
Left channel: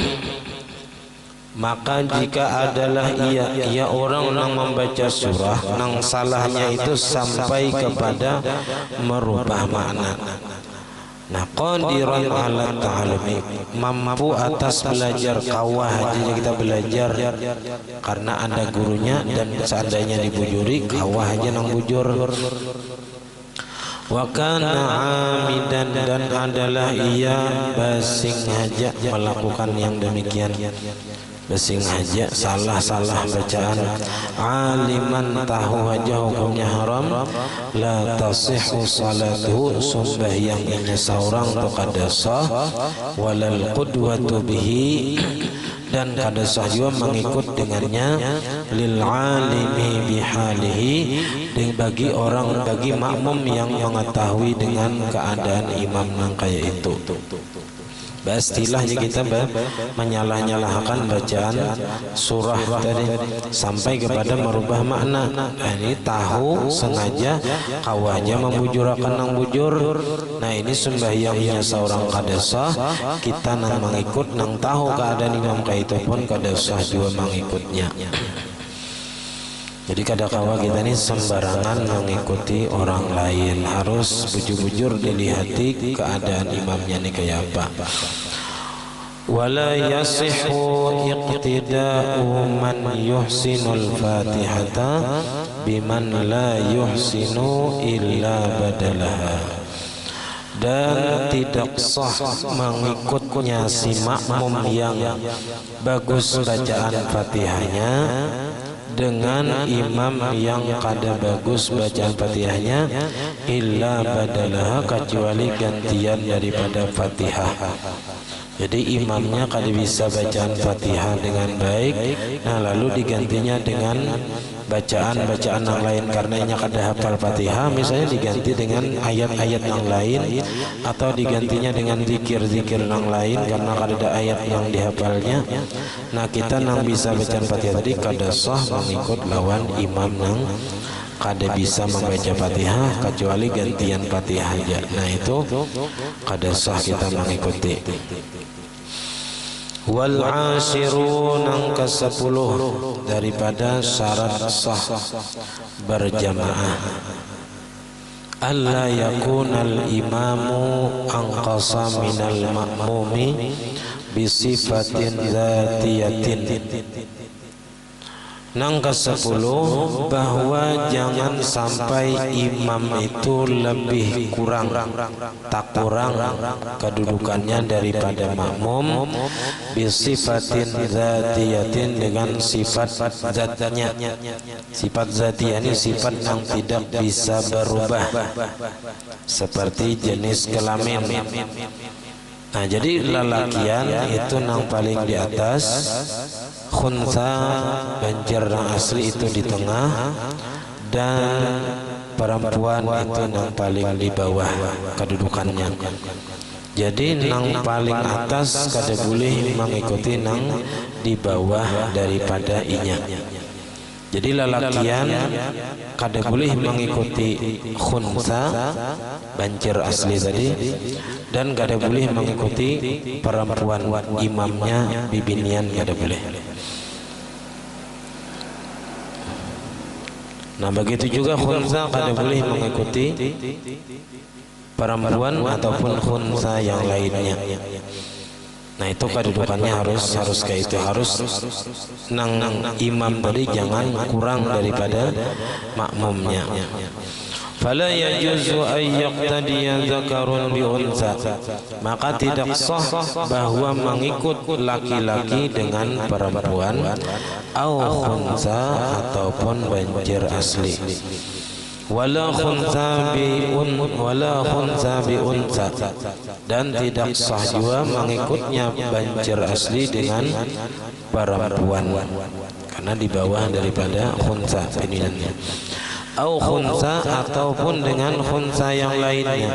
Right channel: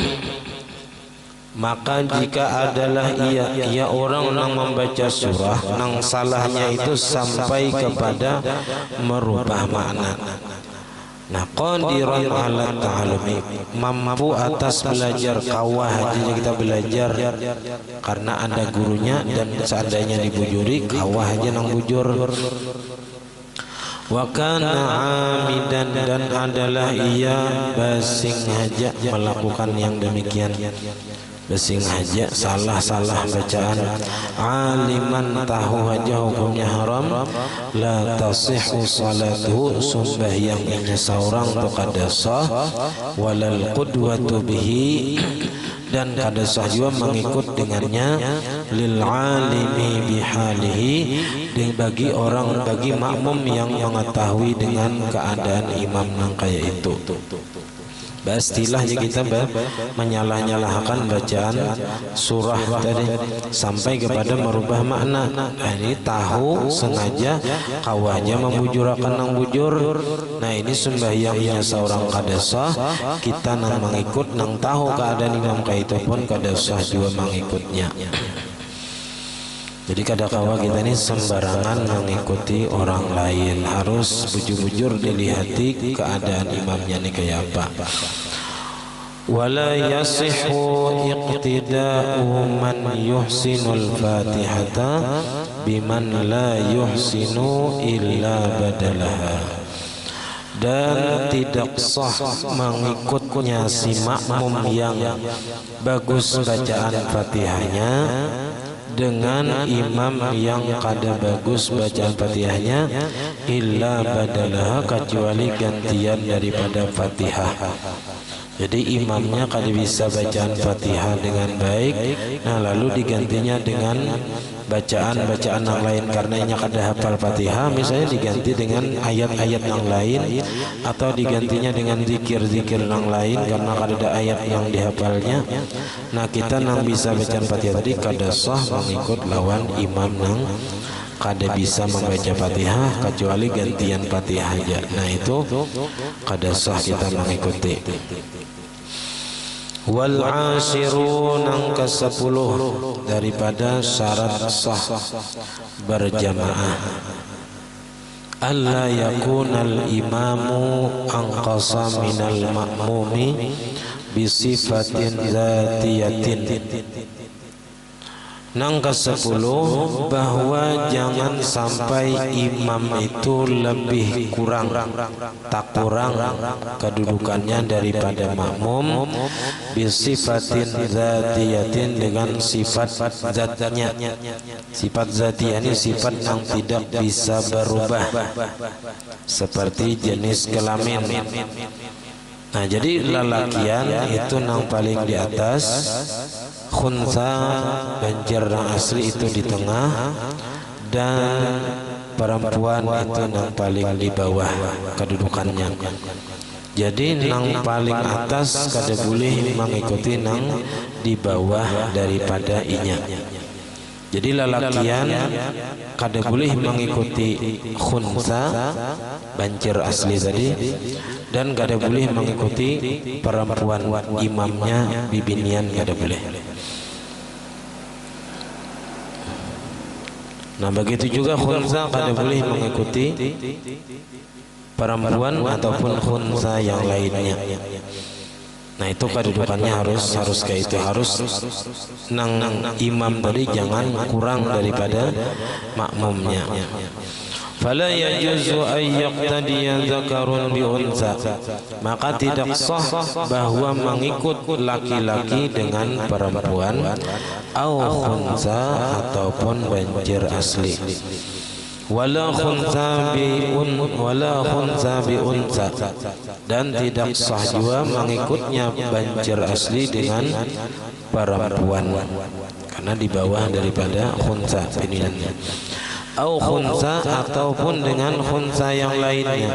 maka jika adalah ia orang nang membaca surah nang salahnya itu sampai kepada merubah makna. Nah, qadiran 'ala ta'allumi, mampu atas belajar, kawah aja kita belajar karena ada gurunya, dan seandainya dibujuri kawah aja nang bujur. Wa kana 'amidan, dan adalah ia basing haja melakukan yang demikian. Basing haja salah-salah bacaan, aliman tahu haja hukumnya haram, la tasihhu salatuhu, sembahyangnya seorang tu kada sah, walal qudwatu bihi, dan kada sah juga mengikut dengannya lil alimi bihalihi, bagi makmum yang mengetahui dengan keadaan imam nang kaya itu. Istilahnya kita menyalah-nyalahkan bacaan surah tadi sampai kepada merubah makna. Nah, ini tahu sengaja kawaja membujurakan nang bujur. Nah, ini sembahyangnya seorang kada sah, kita nang mengikut nang tahu keadaan imam kaya itu pun kada sah juga mengikutnya. Jadi kadang-kala kita ini sembarangan mengikuti orang lain, harus bujur-bujur dilihati keadaan imamnya ini kayak apa. Wala yasihu iqtida'u man yuhsinul fatihata biman la yuhsinu illa badalaha. Dan tidak sah mengikutnya si makmum yang bagus bacaan Fatihahnya dengan imam yang kada bagus bacaan Fatihahnya illa badalaha, kecuali gantian daripada Fatihah. Jadi imamnya kada bisa bacaan Fatihah dengan baik, nah lalu digantinya dengan bacaan-bacaan yang lain karena inya kada hafal Fatihah, misalnya diganti dengan ayat-ayat yang lain atau digantinya dengan zikir-zikir yang lain karena kada ada ayat yang dihafalnya. Nah, kita nang bisa bacaan Fatihah tadi kada sah mengikut lawan imam nang kada bisa membaca Fatihah kecuali gantian Fatihah aja. Nah, itu kada sah kita mengikuti. Wal ashirun ang ke-10 daripada syarat sah berjamaah, alla yakunal imamu anqasa minal ma'mumi bisifatin zatiyatin. Nang ke-10 bahwa jangan sampai imam itu lebih kurang, tak kurang kedudukannya daripada makmum bisifatin zatiyatin, dengan sifat zatnya. Sifat zatiyah ini sifat yang tidak bisa berubah, seperti jenis kelamin. Nah, jadi lalakian itu nang paling di atas, khunsa banjir nang asli itu di tengah, dan perempuan itu nang paling di bawah kedudukannya. Jadi nang paling atas kada boleh mengikuti nang di bawah daripada inya. Jadi lalakian kada boleh mengikuti khunsa banjir asli tadi, dan kada boleh mengikuti perempuan imamnya bibinian, kada boleh. Nah, begitu juga khunsa kada boleh mengikuti perempuan ataupun khunsa yang lainnya. Nah, itu kedudukannya harus kayak itu, harus nang imam tadi jangan kurang daripada makmumnya. Fala yajuzu ay yaqtadiya dzakarun bi unsa, maka tidak sah bahwa mengikut laki-laki dengan perempuan, au khunsa ataupun banjir asli. Wala khunsa bi unsa, dan tidak sah juga mengikutnya banjir asli dengan perempuan karena di bawah daripada khunsa pininannya. Au khunsa ataupun dengan khunsa yang lainnya.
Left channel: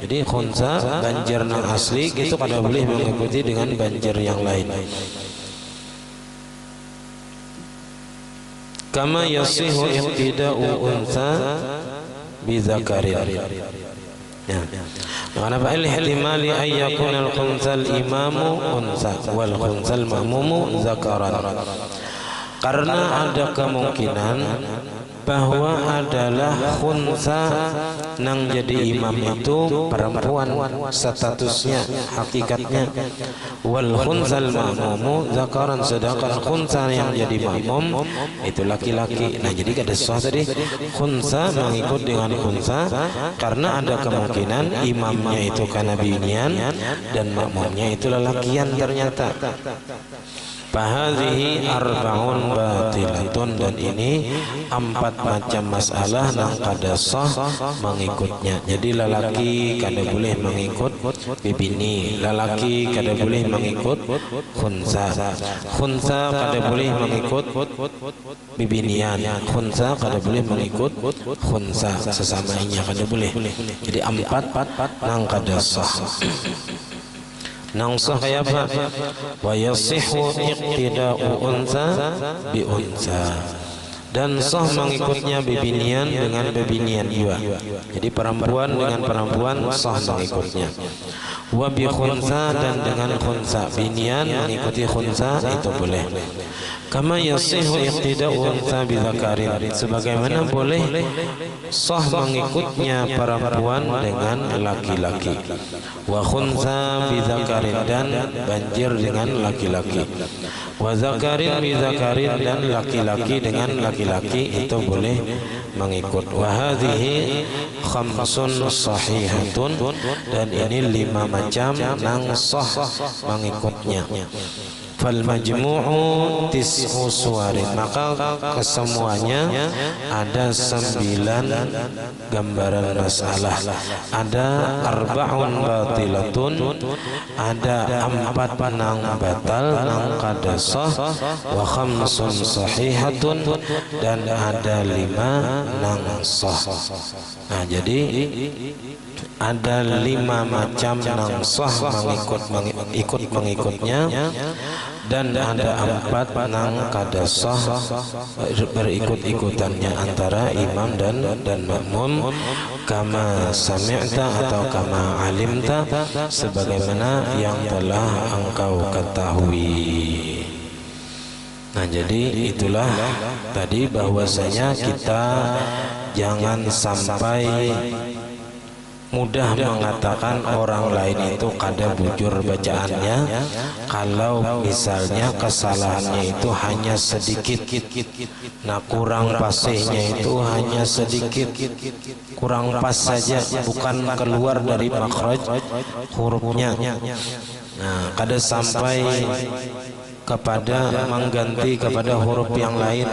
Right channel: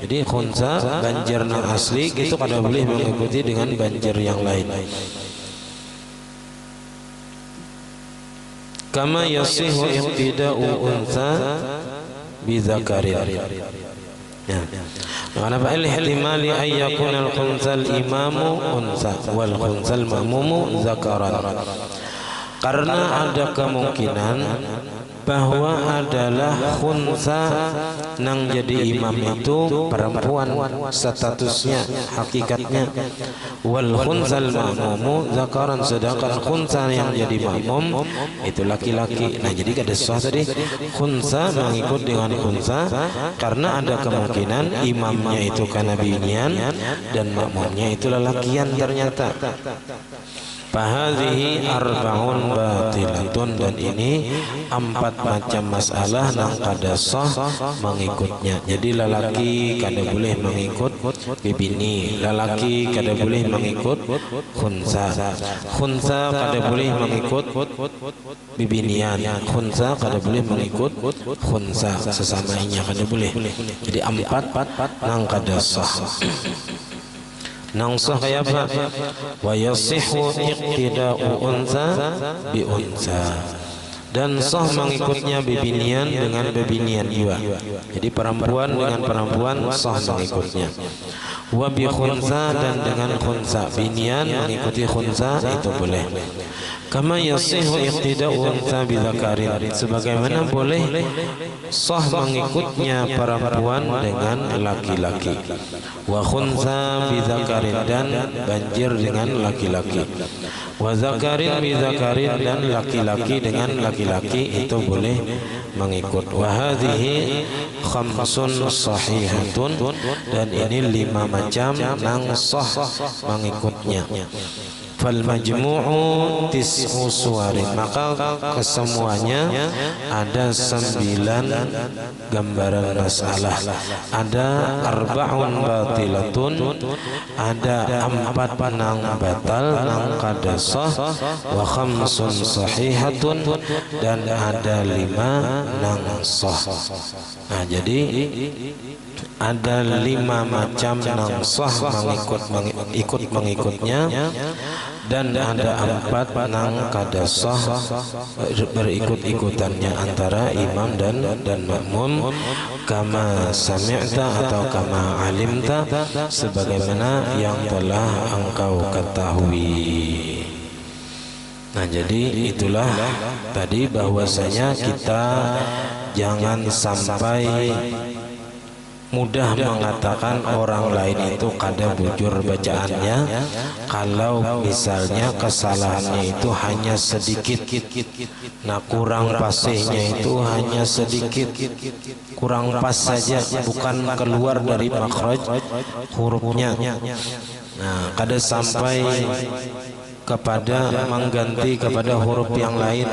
Jadi khunsa banjir nang asli gitu kada boleh mengikuti dengan banjir yang lain. Kama yasihu iqtida'u unsa bi dzakarin. Ya. Karena fa'il ihtimali ay yakuna al-khunsal imamu unsa wal khunsal ma'mumu dzakaran. Karena ada kemungkinan bahwa adalah khunsa nang jadi imam itu perempuan statusnya, hakikatnya, wal khunsal ma'mumu dzakaran, sedangkan khunsa yang jadi makmum itu laki-laki. Nah, jadi kada sah tadi khunsa mengikut dengan khunsa karena ada kemungkinan imamnya itu kana binian dan makmumnya itu lelakian ternyata. Fahadhihi arba'un batilatun, dan ini 4 macam masalah nang kada sah mengikutnya. Jadi lelaki kada boleh mengikut bibini, lelaki kada boleh mengikut khunsa, khunsa kada boleh mengikut bibinian, khunsa kada boleh mengikut khunsa, sesamanya kada boleh. Jadi 4 nang kada sah. Nang sah kaya apa? Wa yasihhu iqtida'u unsa bi unsa, dan sah mengikutnya bibinian dengan bibinian juga. Jadi perempuan dengan perempuan sah mengikutnya. Wa bi khunsa, dan dengan khunsa, binian mengikuti khunsa itu boleh. Kama yasihhu iqtida'u unsa bi dzakarin, sebagaimana boleh sah mengikutnya perempuan dengan laki-laki. Wa khunsa bi dzakarin, dan banjir dengan laki-laki. Wa dzakarin bi dzakarin, dan laki-laki dengan laki-laki itu boleh mengikut. Wa hadhihi khamsun sahihatun, dan ini 5 macam nang sah mengikutnya. Fal majmu'u tis'u suwarin, maka kesemuanya ada 9 gambaran masalah. Ada arba'un batilatun, ada 4 nang batal nang kada sah, wa khamsun sahihatun, dan ada 5 nang sah. Nah, jadi ada 5 macam nang sah ikut mengikutnya, dan ada 4 nang kada sah berikut-ikutannya antara imam dan makmum. Kama sami'ta atau kama alimta, sebagaimana yang telah engkau ketahui. Nah, jadi itulah tadi bahwasanya kita jangan sampai mudah mengatakan orang lain itu kada bujur bacaannya kalau misalnya kesalahannya itu hanya sedikit. Nah, kurang pasihnya itu hanya sedikit, kurang pas saja, bukan keluar dari makhraj hurufnya. Nah, kada sampai kepada mengganti kepada huruf yang lain.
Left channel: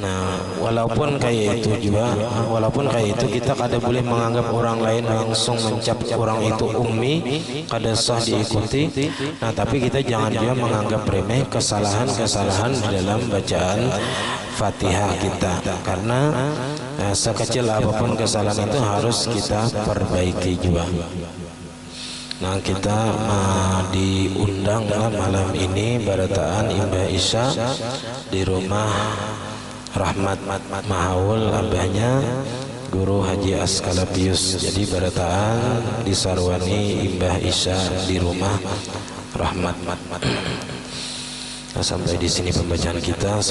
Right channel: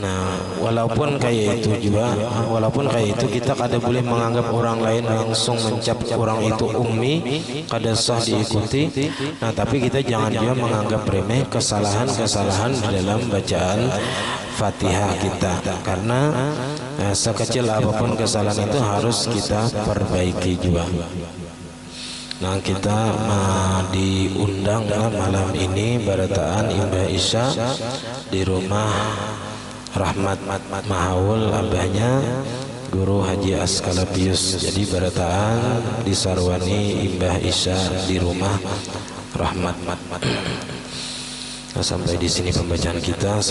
Nah, walaupun kayak itu juga, walaupun kayak itu kita kada boleh menganggap orang lain langsung mencap orang itu ummi, kada sah diikuti. Nah, tapi kita jangan juga menganggap remeh kesalahan-kesalahan di dalam bacaan Fatihah kita, karena sekecil apapun kesalahan itu harus kita perbaiki juga. Nah, kita diundang malam ini barataan Imbah Isya di rumah Rahmat Mahaul, abahnya Guru Haji Askalapius. Jadi barataan disarwani Imbah Isya di rumah Rahmat. Nah, sampai di sini pembacaan kita.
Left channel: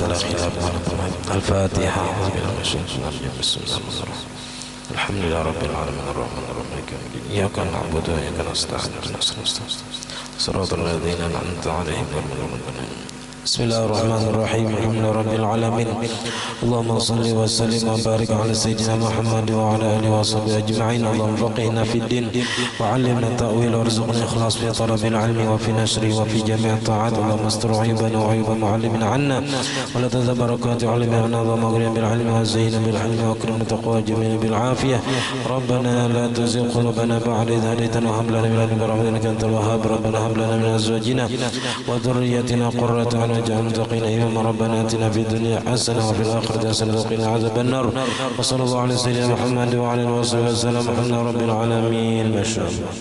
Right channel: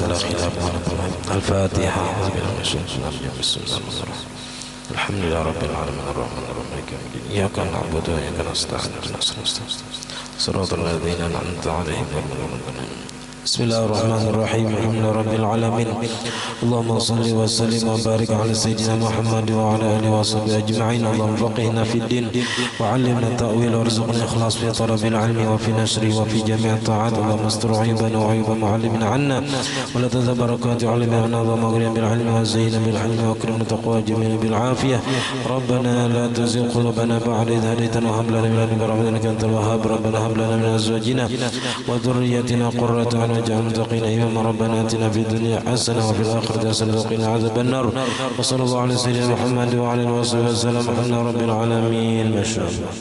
Al-Fatihah. Alhamdulillah Rabbil Alamin Ar-Rahman Ar-Rahim Maliki Yawmiddin. Iyyaka na'budu wa iyyaka nasta'in. Shiratal ladzina an'amta 'alaihim ghairil maghdubi 'alaihim. Bismillahirrahmanirrahim. Alhamdulillahi Rabbil Alamin. Allahumma salli wa sallim wa barik ala Sayyidina Muhammad wa ala alihi wa sahbihi ajma'in. Allahumma faqihna fid din wa 'allimna ta'wil wa rizqna ikhlas fi talabil ilmi wa fi nashri wa fi jami' ta'at. Allahumma astur 'aybana wa 'ayba mu'allimina 'anna wa la tazal barakati 'alimina. Allahumma aghfir bil 'ilmi wa zayyina bil 'ilmi wa akrimna taqwa jamil bil 'afiyah. Rabbana la tuzigh qulubana ba'da idh hadaytana wa hab lana min ladunka rahmatan innaka antal wahhab. Rabbana hab lana min azwajina wa dhurriyyatina qurrata a'yun واجعلنا متقين إماما. ربنا آتنا في الدنيا حسنة وفي الآخرة حسنة وقنا عذاب النار. وصلى الله على سيدنا محمد وعلى آله وصحبه وسلم. الحمد لله رب العالمين. ما شاء الله.